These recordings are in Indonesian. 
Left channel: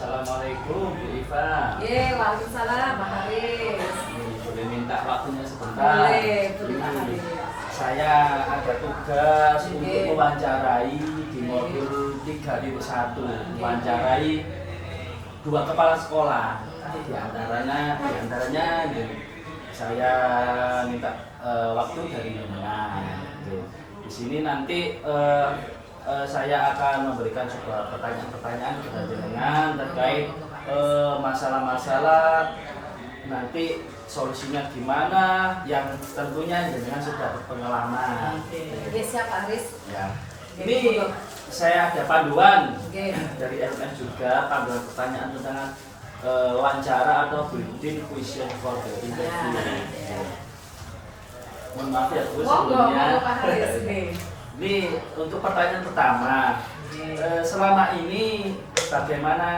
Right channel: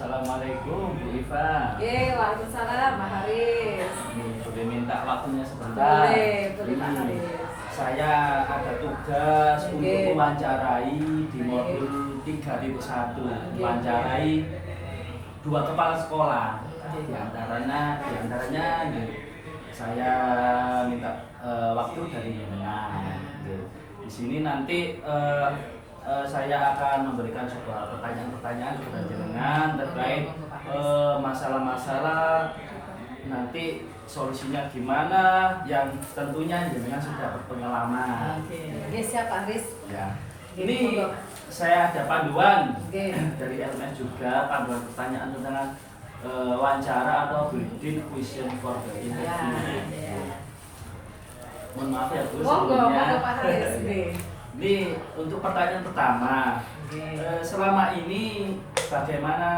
Assalamualaikum Bu Iva. Waalaikumsalam Pak Haris. Boleh minta waktunya sebentar? Boleh, Pak Haris. Saya ada tugas untuk Oke. mewawancarai di modul 3.1, mewawancarai 2 kepala sekolah. Di antaranya saya minta waktu dari jenengan. Di sini nanti saya akan memberikan sebuah pertanyaan-pertanyaan kepada jenengan terkait masalah-masalah nanti solusinya gimana yang tentunya jenengan sudah berpengalaman. Oke, siap Pak Haris. Ya. Oke, Ini cukup. saya ada panduan Oke. dari LMS juga, panduan pertanyaan tentang wawancara atau built-in question for the interview. Ya. Mohon maaf ya Bu Monggo, sebelumnya. Pak Haris. Oke. Ini untuk pertanyaan pertama. Selama ini bagaimana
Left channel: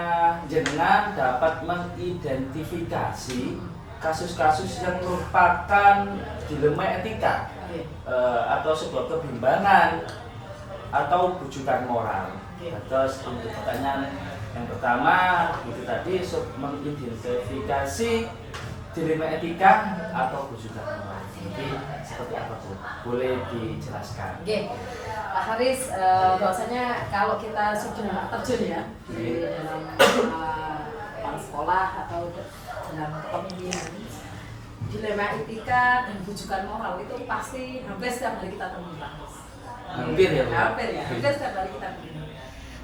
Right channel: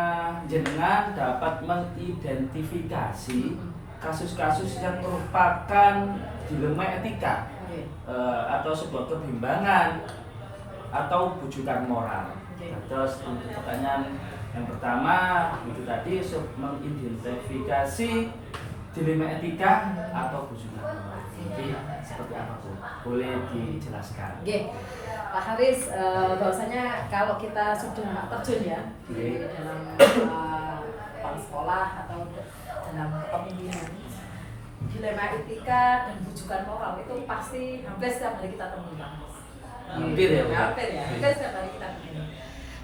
jenengan dapat mengidentifikasi kasus-kasus yang merupakan dilema etika atau sebuah kebimbangan atau bujukan moral? Terus untuk pertanyaan yang pertama itu tadi mengidentifikasi dilema etika atau bujukan moral. Jadi seperti apa Bu? Boleh dijelaskan? Oke, Pak Haris, bahwasanya kalau kita sudah terjun ya di dalam sekolah atau dalam kepemimpinan, dilema etika dan bujukan moral itu pasti hampir setiap hari kita temukan. Hampir ya, Bu? Hampir ya, hampir setiap hari kita temukan.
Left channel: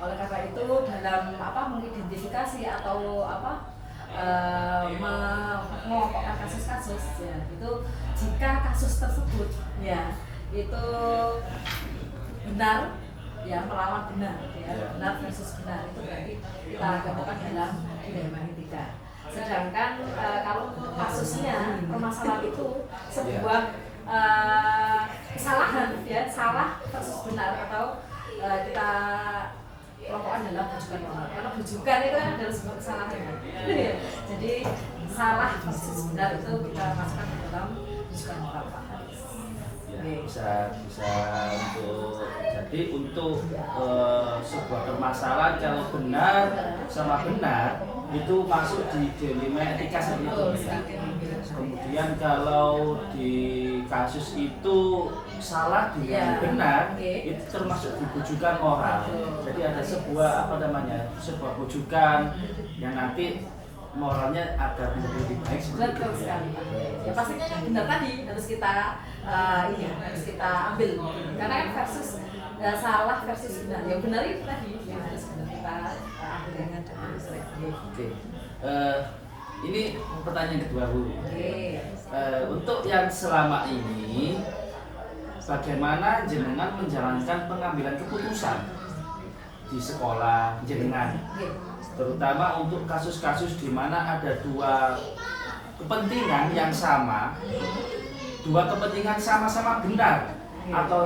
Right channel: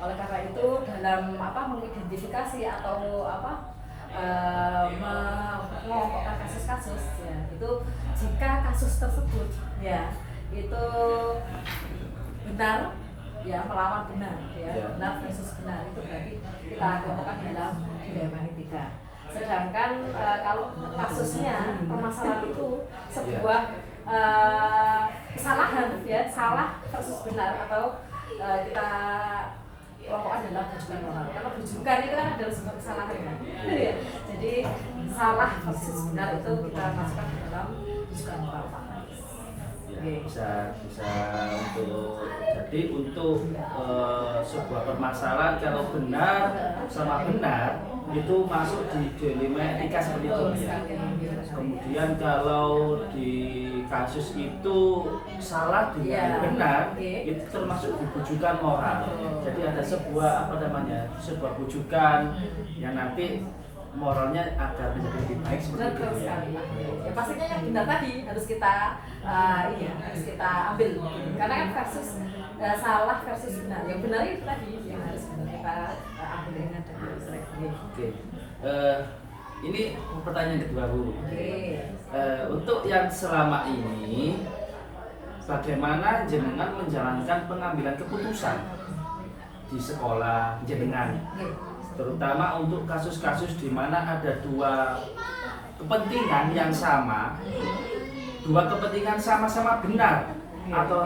Oleh karena itu dalam mengidentifikasi atau mengelompokkan kasus-kasus ya, itu jika kasus tersebut ya itu benar ya, melawan benar ya, benar versus benar, itu berarti kita kelompokkan dalam dilema etika. Sedangkan kalau kasusnya permasalahan itu sebuah kesalahan ya, salah versus benar, atau kita kelompokkan dalam bujukan moral, karena bujukan itu kan adalah sebuah kesalahan kan. Ya. Jadi salah versus benar itu kita masukkan ke dalam bujukan moral Pak. Bisa untuk sebuah permasalahan kalau benar sama benar itu masuk di dilema etika seperti itu ya. Kemudian kalau di kasus itu salah dengan benar itu termasuk di bujukan moral. Jadi ada sebuah sebuah bujukan yang nanti moralnya agar menjadi lebih baik seperti Betul itu ya. sekali Pak. Ya pastinya yang benar tadi harus kita harus kita ambil, karena kan versus salah versus benar. Yang benar itu tadi yang harus kita ambil dengan seleksi. Oke. Ini pertanyaan kedua Bu. Oke. Untuk yang selama ini bagaimana jenengan menjalankan pengambilan keputusan di sekolah jenengan? Terutama untuk kasus-kasus di mana ada 2 kepentingan yang sama, 2 kepentingan sama-sama benar atau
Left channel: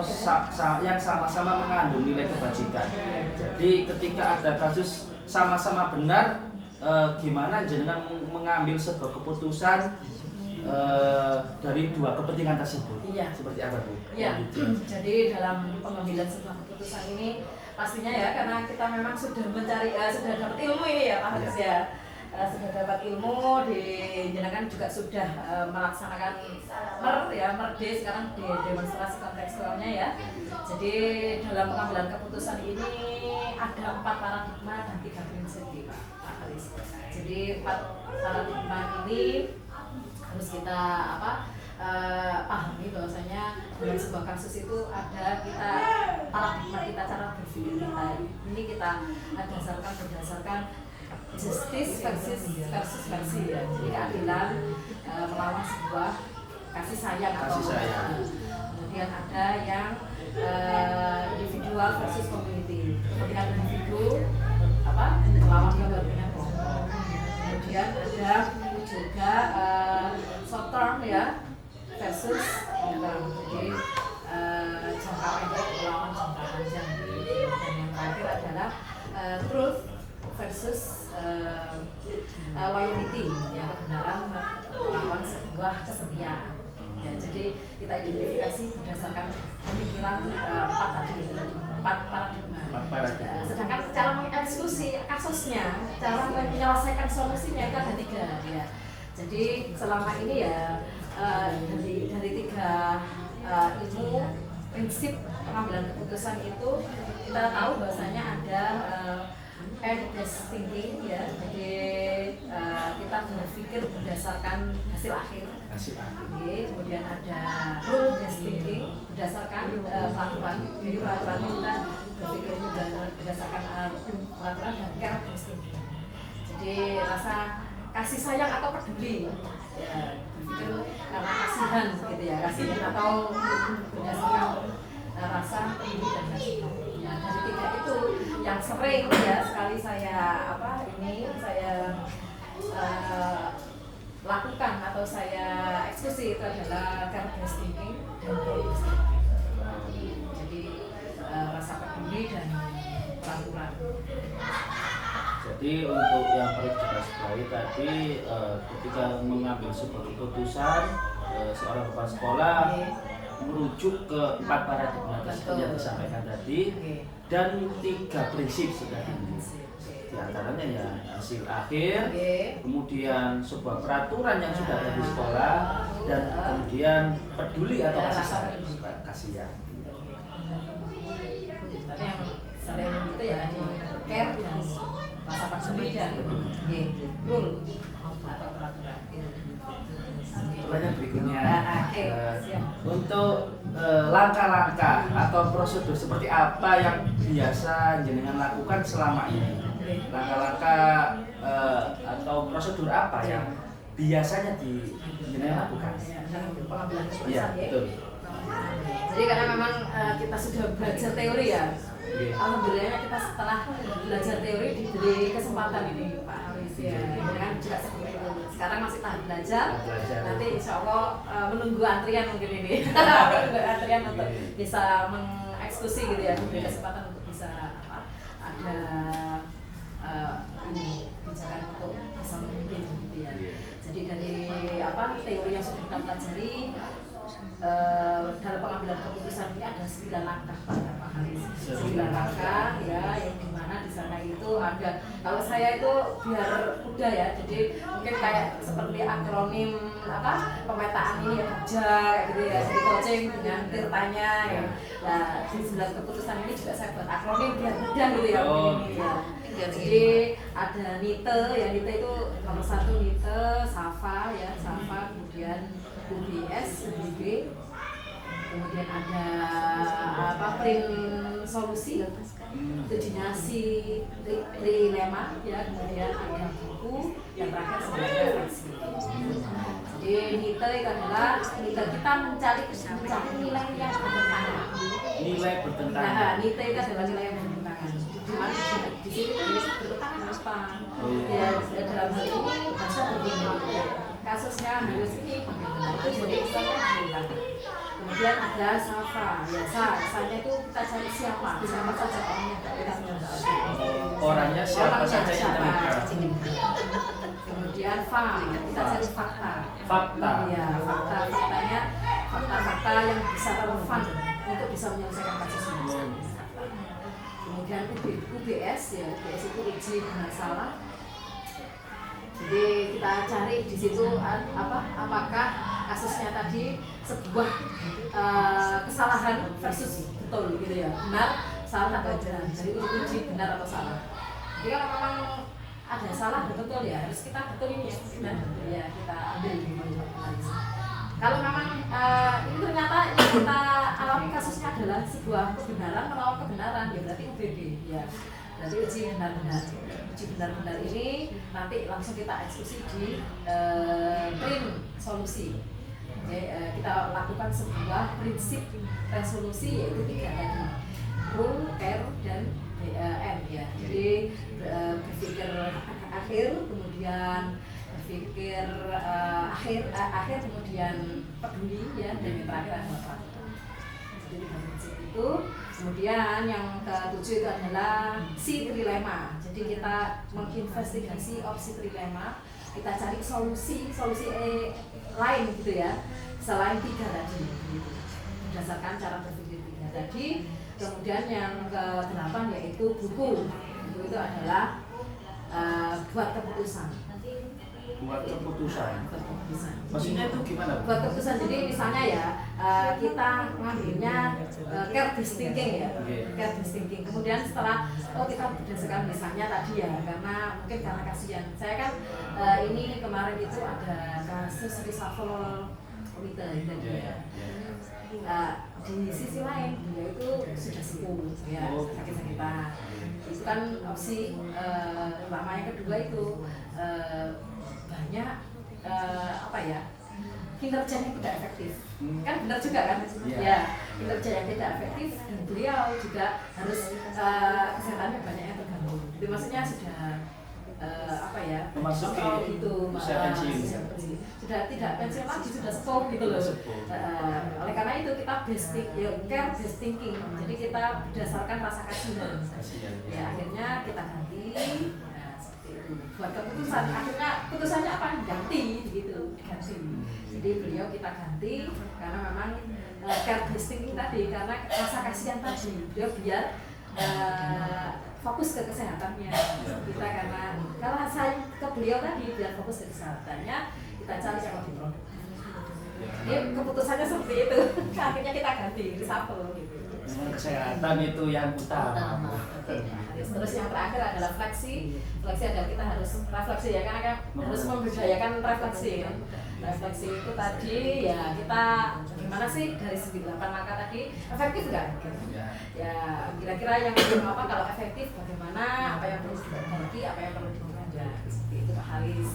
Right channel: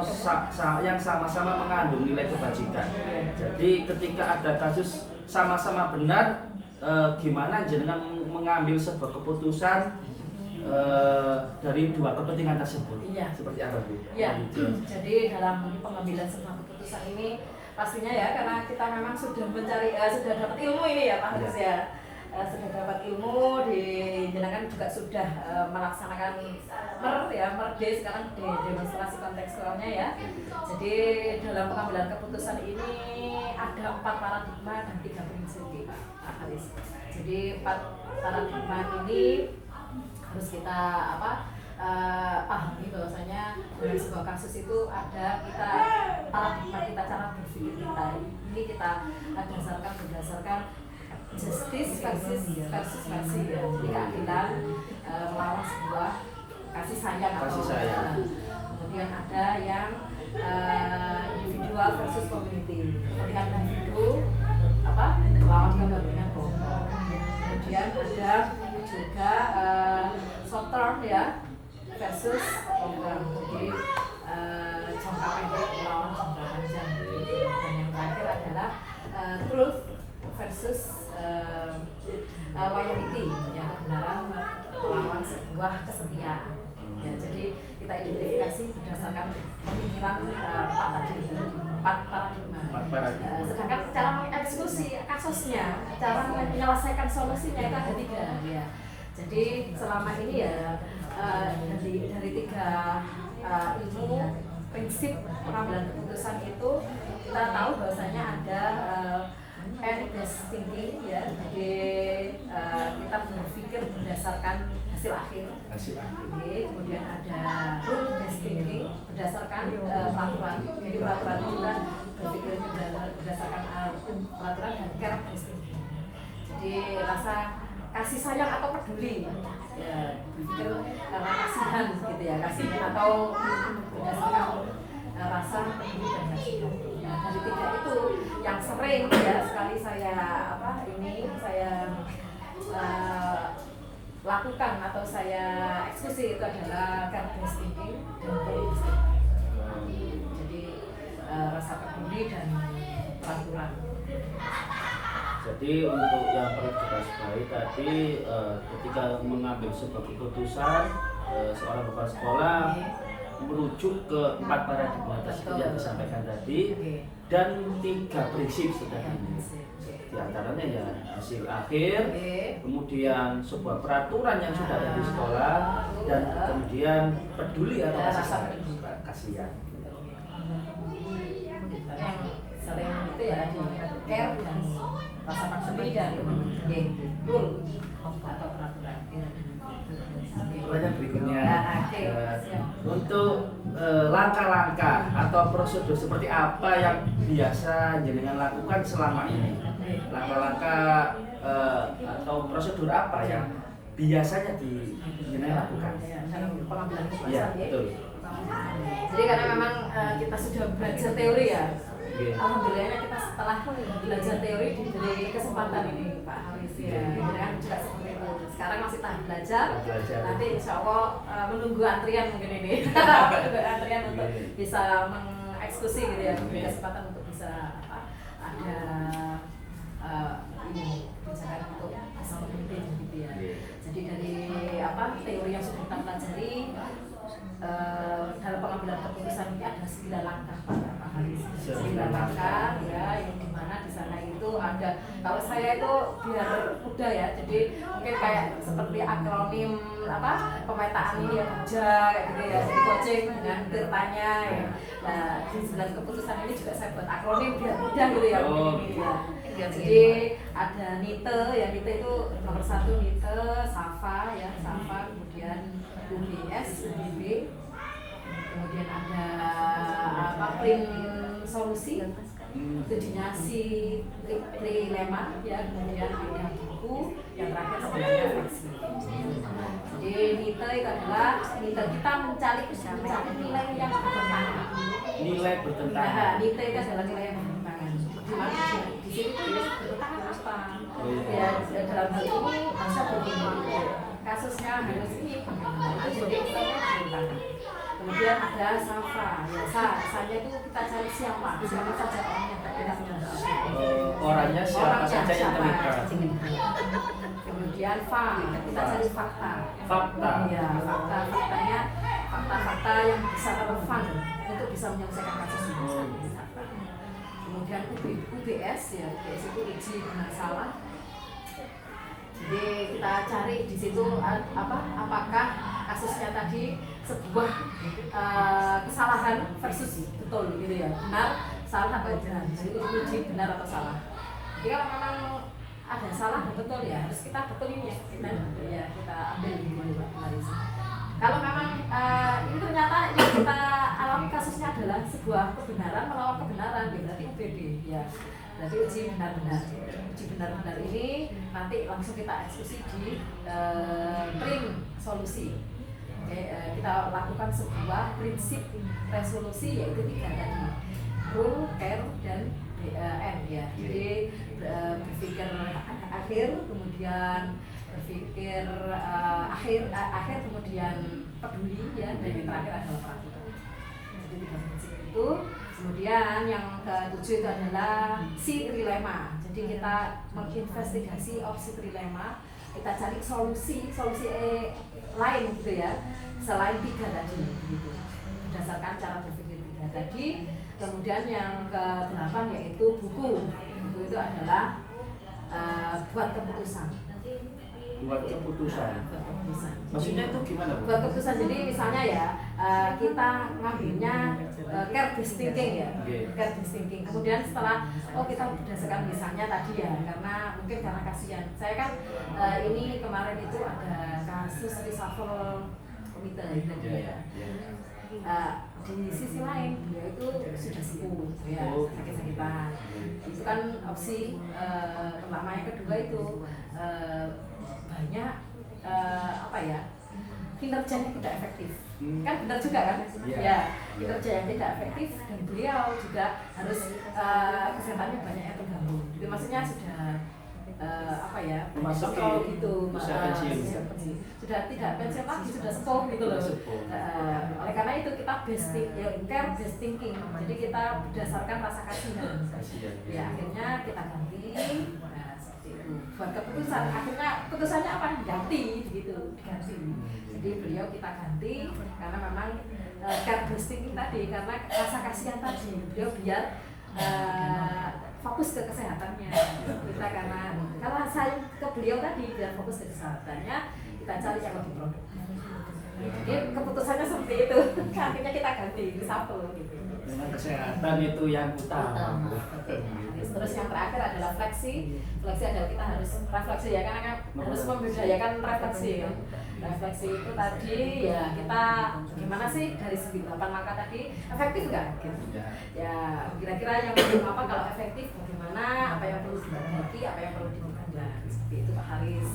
yang sama-sama mengandung nilai kebajikan. Jadi ketika ada kasus sama-sama benar, gimana jenengan mengambil sebuah keputusan dari 2 kepentingan tersebut? Iya. Seperti apa Bu? Ya, jadi dalam pengambilan sebuah keputusan ini pastinya ya, karena kita memang sudah sudah dapat ilmu ini ya Pak Haris ya. Sudah dapat ilmu, jenengan juga sudah melaksanakan MERD sekarang di demonstrasi kontekstualnya ya. Jadi dalam pengambilan keputusan ini ada 4 paradigma dan 3 prinsip Pak Haris. Jadi 4 paradigma ini harus kita pahami bahwasanya dalam sebuah kasus itu ada paradigma kita, cara berpikir kita. Ini kita berdasarkan justice versus versi ya. Jadi keadilan melawan sebuah kasih sayang atau kemudian ada yang individual versus community. Kepentingan individu melawan kepentingan kelompok. Kemudian ada juga short term ya versus long term. Jadi jangka pendek melawan jangka panjang. Dan yang terakhir adalah truth versus loyalty, ya, kebenaran melawan sebuah kesetiaan. Ya, jadi kita identifikasi berdasarkan pemikiran 4 paradigma. Sedangkan cara eksekusi kasusnya, cara menyelesaikan solusinya itu ada 3 ya. Jadi selama ini ya dari 3 ilmu prinsip pengambilan keputusan itu kita tahu bahwasanya ada evidence thinking ya, jadi kita berpikir berdasarkan hasil akhir. Kemudian ada rule based thinking berdasarkan peraturan. Jadi peraturan itu kita berpikir berdasarkan peraturan dan characteristic. Jadi rasa kasih sayang atau peduli ya, berpikir karena kasihan gitu ya, kasihan atau berdasarkan rasa peduli dan kasihan. Ya, dari 3 itu yang sering ya sekali saya lakukan atau saya eksekusi itu adalah characteristic thinking dan rule-based thinking. Jadi rasa peduli dan peraturan. Jadi untuk yang perlu digarisbawahi tadi, ketika mengambil sebuah keputusan, seorang kepala sekolah merujuk ke 4 paradigma yang disampaikan tadi dan 3 prinsip sebenarnya. Di antaranya ya hasil akhir, kemudian sebuah peraturan yang sudah ada di sekolah, dan kemudian peduli atau kasihan. Yang sering itu ya care dan rasa peduli dan rule atau peraturan. Yang berikutnya untuk langkah-langkah atau prosedur seperti apa yang biasa jenengan lakukan selama ini? Langkah-langkah atau prosedur apa yang biasanya jenengan lakukan? Pengambilan keputusan. Iya, betul. Jadi karena memang kita sudah belajar teori ya. Alhamdulillahnya kita setelah belajar teori diberi kesempatan ini Pak Haris ya. Kan juga seperti itu. Sekarang masih tahap belajar. Nanti insya Allah menunggu antrian mungkin ini. Menunggu antrian untuk bisa mengeksekusi gitu ya. Diberi kesempatan untuk bisa ada ini kebijakan untuk bisa memimpin gitu ya. Jadi dari teori yang sudah kita pelajari dalam pengambilan keputusan ini ada 9 langkah Pak Haris. 9 langkah ya, yang dimana di sana itu ada, kalau saya itu biar mudah ya, jadi mungkin kayak seperti akronim pemetaan ini ya kerja gitu ya, jadi coaching dengan tirtanya ya. Nah di 9 keputusan ini juga saya buat akronim biar mudah gitu ya, ini ya. Jadi ada NITE ya, NITE itu nomor 1 NITE, SAFA ya, SAFA, kemudian UBS, UBB, kemudian ada print solusi, itu dinasti trilema ya, kemudian ada buku, yang terakhir sebagai refleksi. Jadi NITE itu adalah kita mencari nilai yang bertentangan. Nilai bertentangan. Nah, NITE itu adalah nilai yang bertentangan. Di sini bertentangan apa? Ya dalam hal ini bahasa berbeda. Kasusnya harus ini jadi bertentangan. Kemudian ada SAFA, ya saya itu kita cari siapa saja orangnya orangnya siapa saja yang terlibat. Kemudian kita cari fakta. Ya, fakta-faktanya, fakta-fakta yang bisa relevan untuk bisa menyelesaikan kasus ini. Kemudian UBS ya, UBS itu uji benar salah. Jadi kita cari di situ apakah kasusnya tadi sebuah kesalahan versus betul gitu ya, benar salah atau benar, jadi uji benar atau salah. Jadi kalau memang ada salah dan betul ya harus kita betul ini ya, benar ya kita ambil gitu. Kalau memang ini ternyata yang kita alami kasusnya adalah sebuah kebenaran melawan kebenaran ya, berarti UBB ya, berarti uji benar-benar. Uji benar-benar ini nanti langsung kita eksekusi di print solusi. Kita lakukan sebuah prinsip resolusi yaitu 3 tadi, rule, care, dan N ya. Jadi berpikir akhir, kemudian berpikir akhir, kemudian peduli ya, dan yang terakhir adalah peraturan. Jadi 3 prinsip itu. Kemudian yang ke-7 itu adalah si trilema. Jadi kita menginvestigasi opsi trilema, kita cari solusi lain gitu ya, selain 3 tadi gitu. Berdasarkan cara berpikir 3 tadi. Kemudian yang ke-8 yaitu buku guru itu adalah buat keputusan. Buat keputusan. Buat keputusan. Maksudnya itu gimana, Bu? Buat keputusan, jadi misalnya ya kita ngambilnya care-based thinking ya, care-based thinking. Kemudian setelah kita berdasarkan misalnya tadi ya, karena mungkin karena kasihan. Saya kan ini kemarin itu ada kasus reshuffle komite itu ya. Di sisi lain dia itu sudah sepuh ya, sakit-sakitan. Itu kan opsi pertama. Yang kedua itu banyak apa ya, kinerjanya tidak efektif. Kan benar juga kan? Ya, kinerja yang tidak efektif dan beliau juga harus kesehatannya banyak yang terganggu. Itu maksudnya sudah apa ya, kontrol gitu, sudah tidak pensiun lagi, sudah sepuh gitu loh. Oleh karena itu kita care-based thinking, jadi kita berdasarkan rasa kasihan. Ya akhirnya kita ganti. Buat keputusan, akhirnya putusannya apa? Ganti begitu, diganti. Jadi beliau kita ganti karena memang care-based thinking tadi, karena rasa kasihan tadi, beliau biar fokus ke kesehatannya. Kita karena saya ke beliau tadi biar fokus ke kesehatannya, kita cari yang lebih produktif. Jadi keputusannya seperti itu. Akhirnya kita ganti, reshuffle gitu. Memang kesehatan itu yang utama. Terus yang terakhir adalah fleksi. Fleksi adalah kita harus refleksi ya, karena harus membudayakan refleksi ya. Refleksi itu tadi ya, kita gimana sih dari 9 langkah tadi, efektif nggak? Ya kira-kira yang apa, kalau efektif bagaimana, apa yang perlu diperbaiki, apa yang perlu ditambah, seperti itu Pak Haris.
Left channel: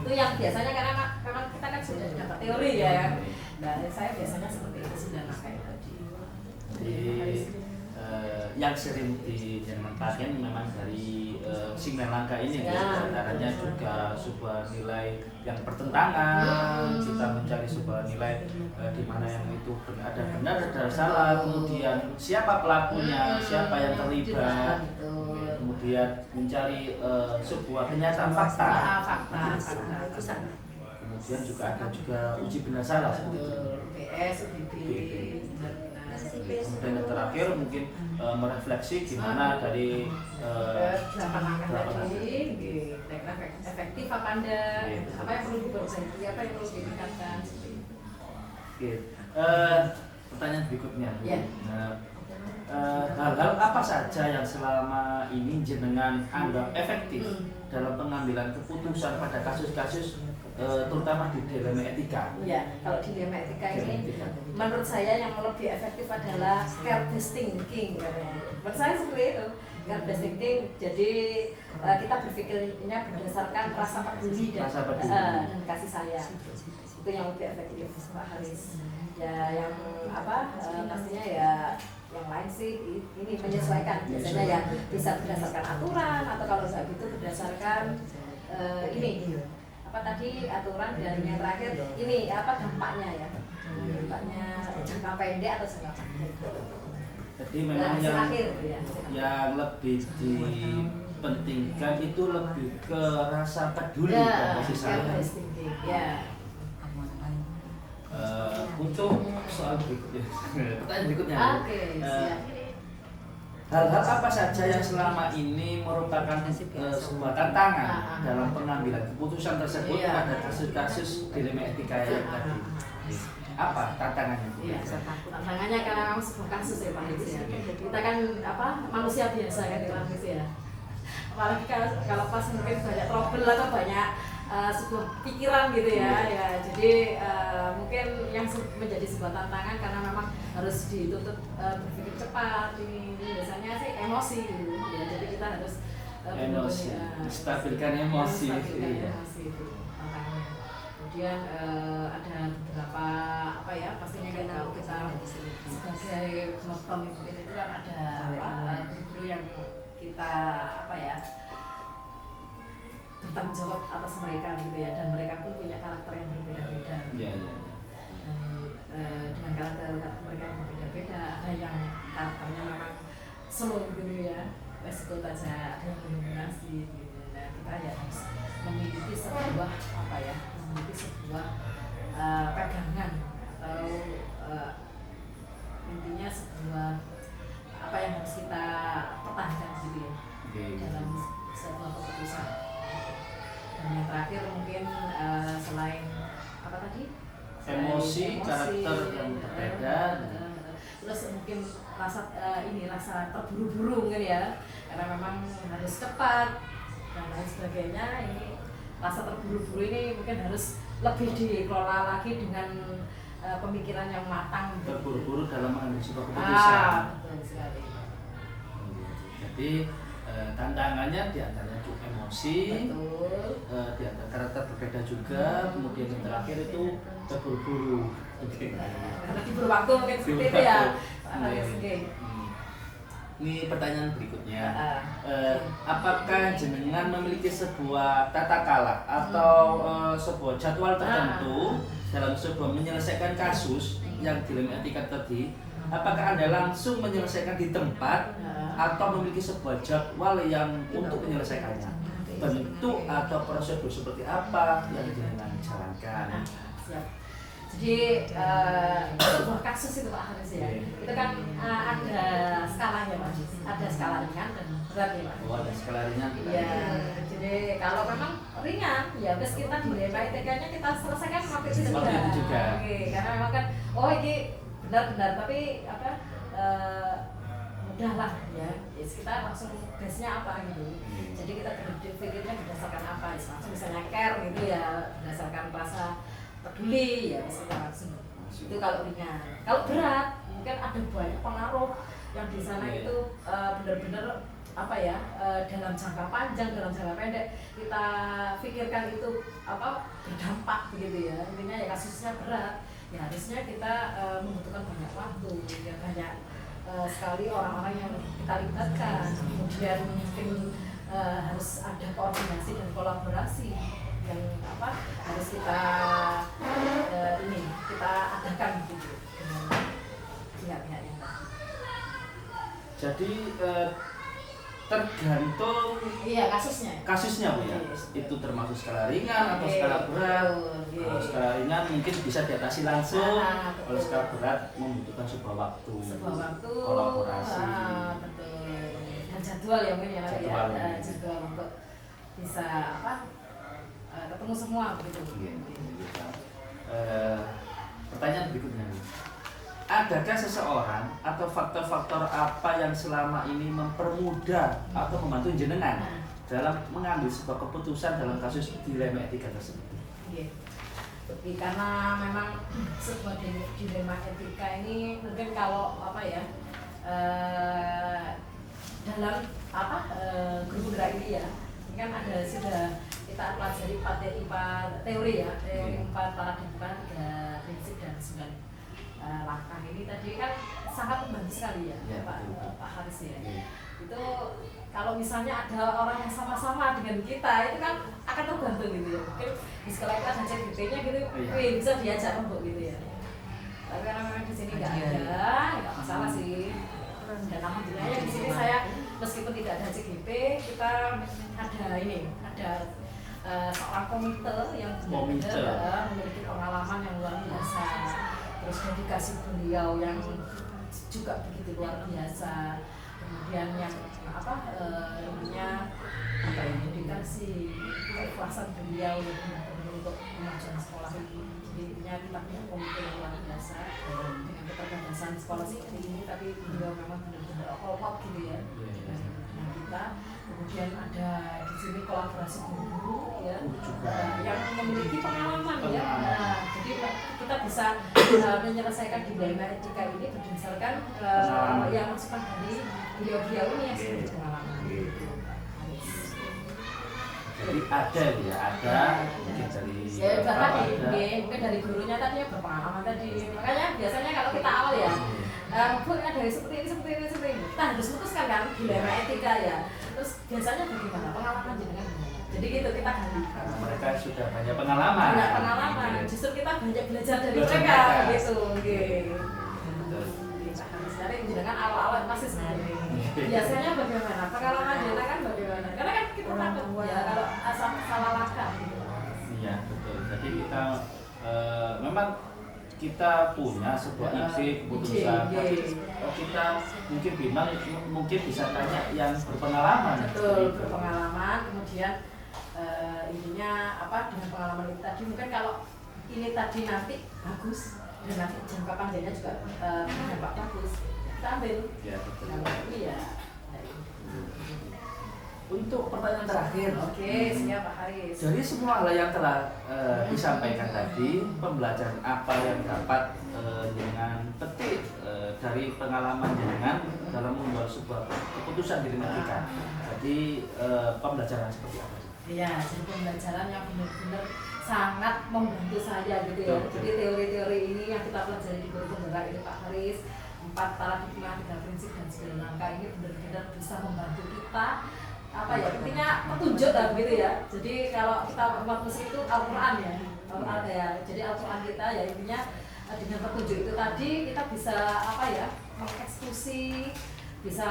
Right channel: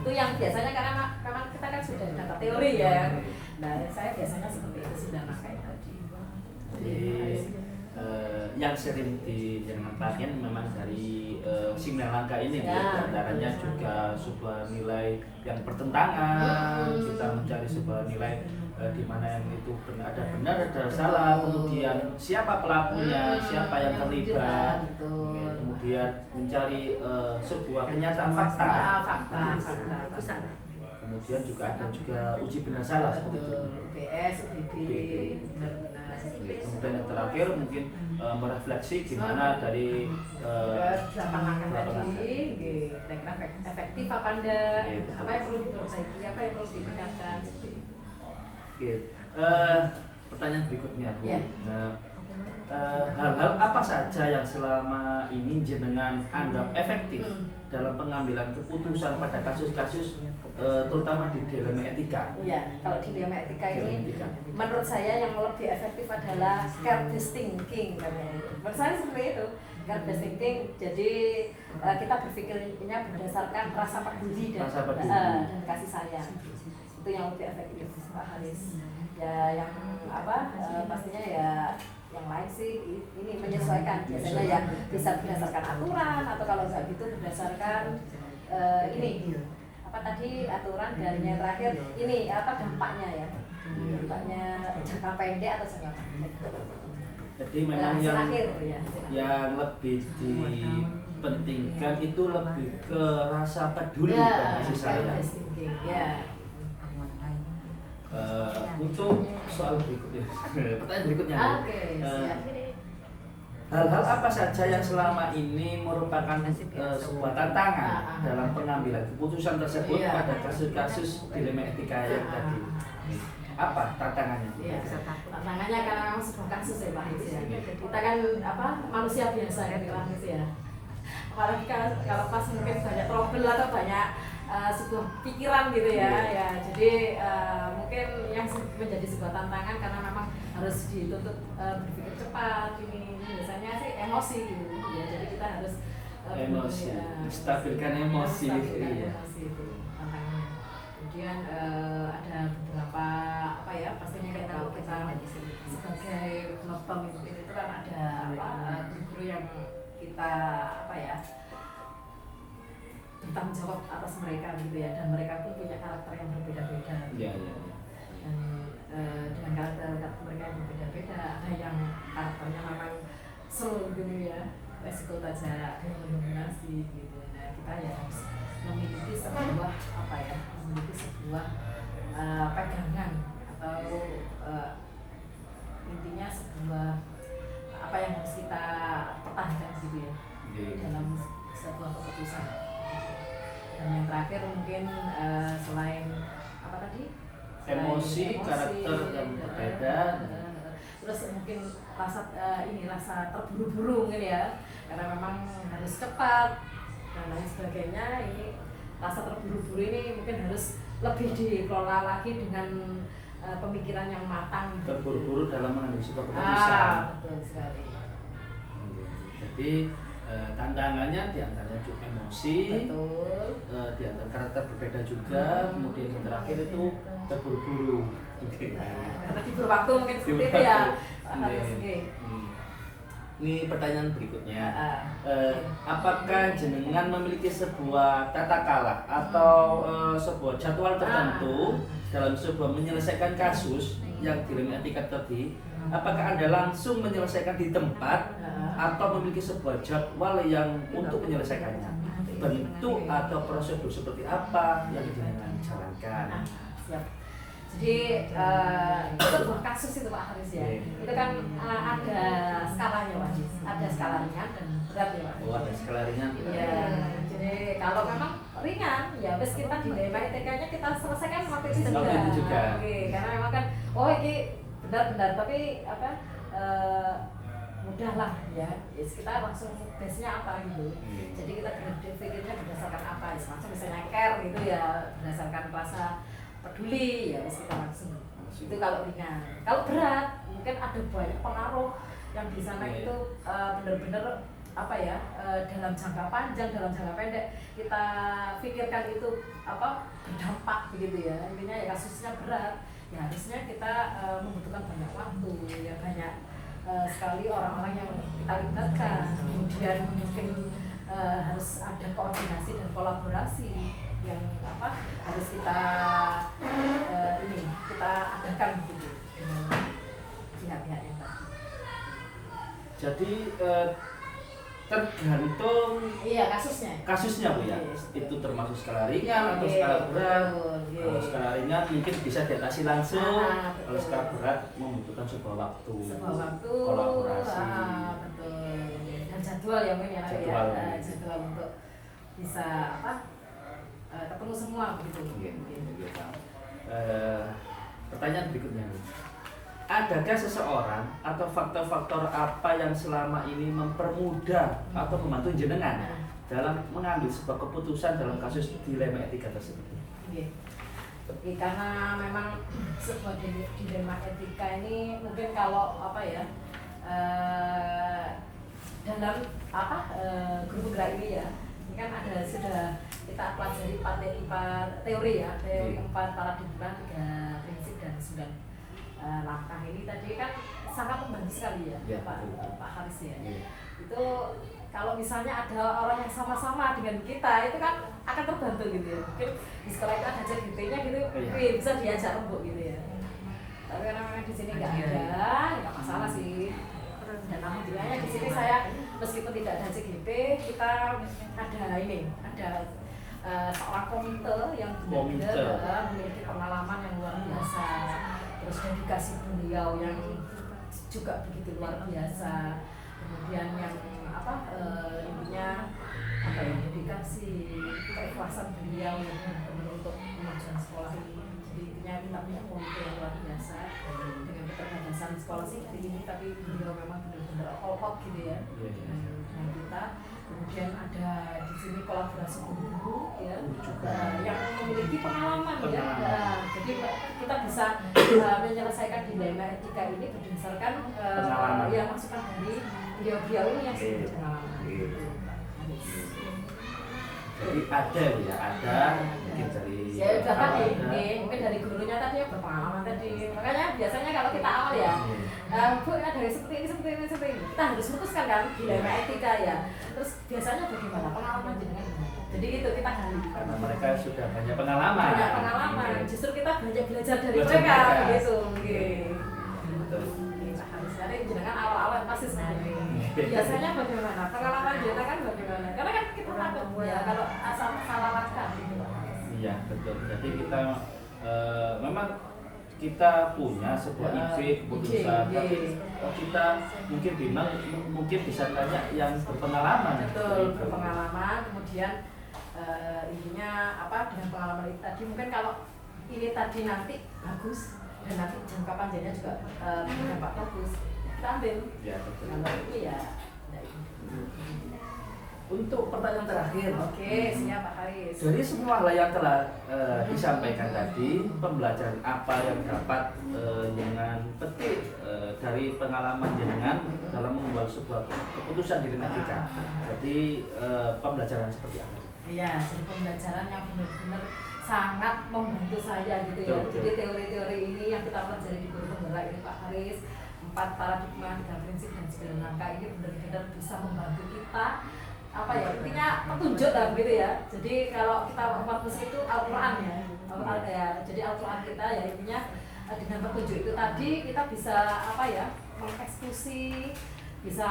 Itu yang biasanya karena memang kita kan sudah dapat teori ya. Nah saya biasanya seperti itu, 9 langkah itu tadi. Yang sering dipakai memang dari 9 langkah ini ya, antaranya juga sebuah nilai yang bertentangan, kita mencari sebuah nilai di mana yang itu ada benar ada salah, kemudian siapa pelakunya, siapa yang terlibat, kemudian mencari sebuah kenyataan fakta. Kemudian juga ada uji benar salah seperti itu. UBS, UBD. Kemudian yang terakhir mungkin merefleksi gimana dari 8 langkah tadi, efektif apa enggak, apa yang perlu diperbaiki, apa yang perlu ditingkatkan. Oke, pertanyaan berikutnya. Hal-hal apa saja yang selama ini jenengan anggap efektif dalam pengambilan keputusan pada kasus-kasus terutama di dilema etika? Ya, kalau di dilema etika ini menurut saya yang lebih efektif adalah care-based thinking katanya. Menurut saya seperti itu, care-based thinking. Jadi kita berpikirnya berdasarkan rasa peduli dan kasih sayang. Itu yang lebih efektif Pak Haris. Ya yang apa pastinya ya yang lain sih ini menyesuaikan, biasanya ya bisa berdasarkan aturan atau kalau nggak gitu berdasarkan ini apa tadi aturan, dan yang terakhir ini apa dampaknya ya, dampaknya jangka pendek atau jangka panjang. Jadi memang yang lebih dipentingkan itu lebih ke rasa peduli dan kasih sayang. Ya. Untuk soal berikutnya, pertanyaan berikutnya. Siap. Hal-hal apa saja yang selama ini merupakan sebuah tantangan dalam pengambilan keputusan tersebut pada kasus-kasus dilema etika yang tadi? Apa tantangannya? Iya, tantangannya karena memang sebuah kasus ya Pak Haris ya. Kita kan manusia biasa kan Pak Haris ya. Apalagi kalau pas mungkin banyak trouble atau banyak sebuah pikiran gitu ya, jadi mungkin yang menjadi sebuah tantangan karena memang harus dituntut berpikir cepat. Ini biasanya sih emosi gitu ya, jadi kita harus stabilkan emosi itu tantangannya. Kemudian ada beberapa apa ya, pastinya kan kalau kita sebagai pemimpin itu kan ada guru yang kita apa ya bertanggung jawab atas mereka gitu ya, dan mereka pun punya karakter yang berbeda-beda. Dengan karakter mereka yang berbeda-beda, ada yang karakternya memang slow gitu ya, resiko saja dominasi gitu. Nah kita ya harus memiliki sebuah apa ya, memiliki sebuah pegangan atau intinya sebuah apa yang harus kita pertahankan gitu ya. keputusan. Dan yang terakhir mungkin selain apa tadi? Emosi, karakter yang berbeda. Terus mungkin rasa rasa terburu-buru mungkin ya, karena memang harus cepat dan lain sebagainya. Ini rasa terburu-buru ini mungkin harus lebih dikelola lagi dengan pemikiran yang matang. Terburu-buru dalam mengambil sebuah keputusan. Betul sekali. Jadi tantangannya diantaranya emosi, diantara karakter berbeda juga, kemudian yang terakhir itu terburu-buru. Karena diburu waktu mungkin seperti itu ya. Ini pertanyaan berikutnya. Apakah jenengan memiliki sebuah tata kala atau sebuah jadwal tertentu dalam sebuah menyelesaikan kasus yang dilema etika tadi? Apakah Anda langsung menyelesaikan di tempat atau memiliki sebuah jadwal yang untuk menyelesaikannya? Bentuk atau prosedur seperti apa yang jenengan jalankan? Siap. Jadi sebuah kasus itu Pak Haris ya, itu kan ada skalanya Pak, ada skala ringan dan berat ya Pak. Oh, ada skala ringan. Iya. Jadi kalau memang ringan ya terus kita dilema etikanya kita selesaikan waktu itu juga. Oke, karena memang kan ini benar-benar tapi apa mudah lah ya. Kita langsung base-nya apa gitu. Jadi kita berpikirnya berdasarkan apa? Langsung misalnya care gitu ya, berdasarkan bahasa peduli ya kita langsung itu kalau ringan. Kalau berat mungkin ada banyak pengaruh yang di sana itu benar-benar apa ya dalam jangka panjang dalam jangka pendek kita pikirkan itu apa berdampak begitu ya. Intinya ya kasusnya berat ya harusnya kita membutuhkan banyak waktu ya banyak sekali orang-orang yang kita libatkan, kemudian mungkin harus ada koordinasi dan kolaborasi yang apa harus kita kita adakan gitu dengan pihak-pihak yang tadi. Jadi tergantung kasusnya Bu ya. Itu termasuk skala ringan atau skala berat. Kalau skala ringan mungkin bisa diatasi langsung. Kalau skala berat membutuhkan sebuah waktu kolaborasi. Betul. Dan jadwal yang mungkin ya jadwal untuk bisa ketemu semua begitu. Pertanyaan berikutnya, adakah seseorang atau faktor-faktor apa yang selama ini mempermudah atau membantu jenengan dalam mengambil sebuah keputusan dalam kasus dilema etika tersebut? Karena memang sebuah dilema etika ini mungkin kalau dalam grup gerak ini ya, ini kan ada sudah kita pelajari 4 teori ya, teori 4 paradigma, 3 prinsip dan 9 langkah ini tadi kan sangat membantu sekali ya, Pak Haris ya. Itu kalau misalnya ada orang yang sama-sama dengan kita itu kan akan terbantu gitu ya. Mungkin di sekolah itu ada CGT-nya gitu, bisa diajak rembuk gitu ya. Tapi karena memang di sini nggak masalah sih. Dan alhamdulillahnya di sini saya meskipun tidak ada CGT, kita ada seorang komite yang benar-benar memiliki pengalaman yang luar biasa. Terus dedikasi beliau yang juga begitu luar biasa. Kemudian yang dedikasi keikhlasan beliau untuk memajukan sekolah ini. Jadi kita punya komite yang luar biasa dengan keterbatasan sekolah sih ini, tapi beliau memang benar-benar all gitu ya dengan kita. Kemudian ada di sini kolaborasi guru-guru ya yang memiliki pengalaman ya. Jadi kita bisa menyelesaikan dilema etika ini berdasarkan yang masukan dari beliau-beliau ini yang sudah berpengalaman. Jadi ada mungkin dari mungkin dari gurunya tadi yang berpengalaman tadi. Makanya biasanya kalau kita awal ya Bu, ada seperti ini kita harus memutuskan kan dilema etika ya. Terus biasanya bagaimana pengalaman jenengan gimana? Jadi gitu kita gali. Karena mereka sudah banyak pengalaman. Justru kita banyak belajar dari mereka gitu. Nanti jenengan awal-awal pasti seperti itu. Biasanya bagaimana? Pengalaman jenengan bagaimana? Karena kan kita takut ya kalau asal salah langkah. Iya betul. Jadi kita memang kita punya sebuah ide keputusan, tapi kita mungkin bisa tanya yang berpengalaman. Betul, berpengalaman. Kemudian kemudian intinya apa dengan pengalaman itu tadi mungkin kalau ini tadi nanti bagus dan nanti jangka panjangnya juga berdampak bagus kita ambil Ya, betul. kalau ini ya Untuk pertanyaan terakhir, oke siap Pak Haris. dari semua hal yang telah disampaikan tadi, pembelajaran apa yang dapat dengan petik dari pengalaman jenengan dalam mengambil sebuah keputusan di etika? Jadi pembelajaran seperti apa? Iya, jadi pembelajaran yang benar-benar sangat membantu saya gitu ya. Betul. Jadi teori-teori ini yang kita pelajari di guru penggerak ini Pak Haris, 4 paradigma, 3 prinsip dan 9 langkah ini benar-benar bisa membantu kita apa ya intinya petunjuk lah gitu ya. Jadi kalau kita umat muslim itu Al-Quran ya, Al-Quran ya. Jadi Al-Quran kita ya intinya dengan petunjuk itu tadi kita bisa apa ya mengeksekusi, bisa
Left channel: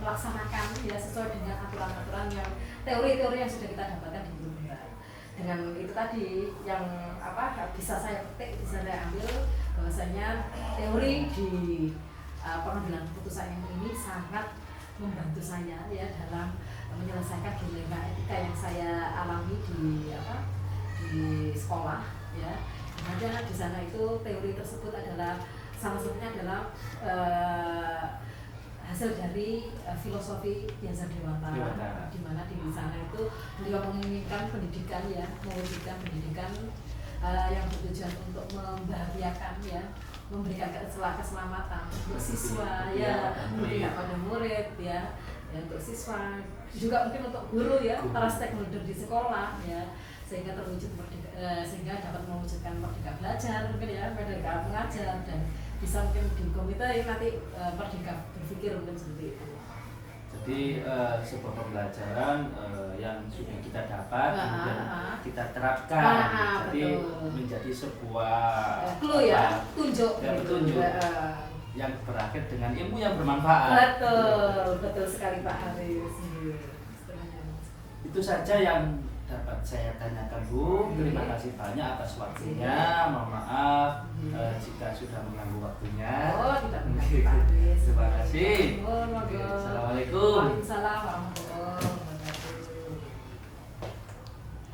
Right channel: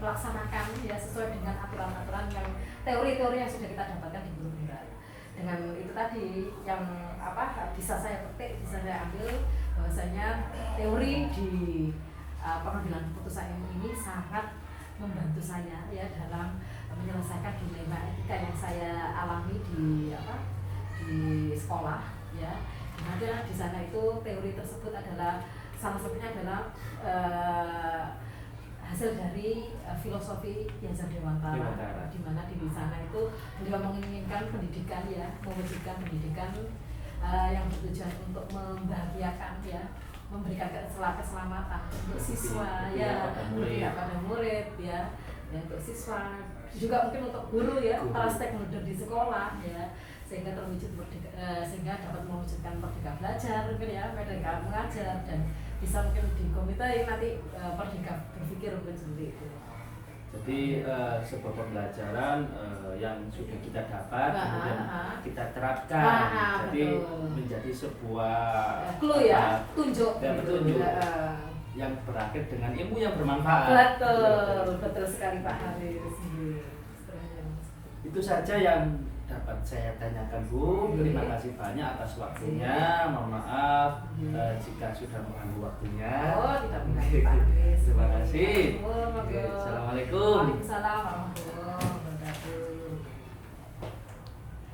melaksanakan ya sesuai dengan aturan-aturan yang teori-teori yang sudah kita dapatkan di guru penggerak. Dengan itu tadi yang apa bisa saya petik, bisa saya ambil bahwasanya teori di pengambilan keputusan ini sangat membantu saya ya dalam menyelesaikan dilema etika yang saya alami di apa di sekolah ya. Dimana di sana itu teori tersebut adalah salah satunya adalah hasil dari filosofi Dian Dewantara, di mana di sana itu beliau menginginkan pendidikan ya, mewujudkan pendidikan yang bertujuan untuk membahagiakan ya, memberikan keselamatan untuk siswa ya, memberikan pada murid ya, untuk siswa juga mungkin untuk guru ya, para stakeholder di sekolah ya, sehingga terwujud sehingga dapat mewujudkan merdeka belajar mungkin ya, merdeka mengajar dan bisa mungkin di komite nanti merdeka berpikir mungkin seperti itu. Jadi sebuah pembelajaran yang sudah kita dapat kemudian kita terapkan, jadi betul. menjadi sebuah clue ya, tunjuk ya, gitu. petunjuk yang berakhir dengan ilmu yang bermanfaat. Betul sekali Pak Haris. Itu saja yang dapat saya tanyakan Bu. Terima kasih banyak atas waktunya. Mohon maaf jika sudah mengganggu waktunya. Oh, tidak mengganggu Pak Haris. Terima kasih. Assalamualaikum. Assalamualaikum. Waalaikumsalam warahmatullahi wabarakatuh.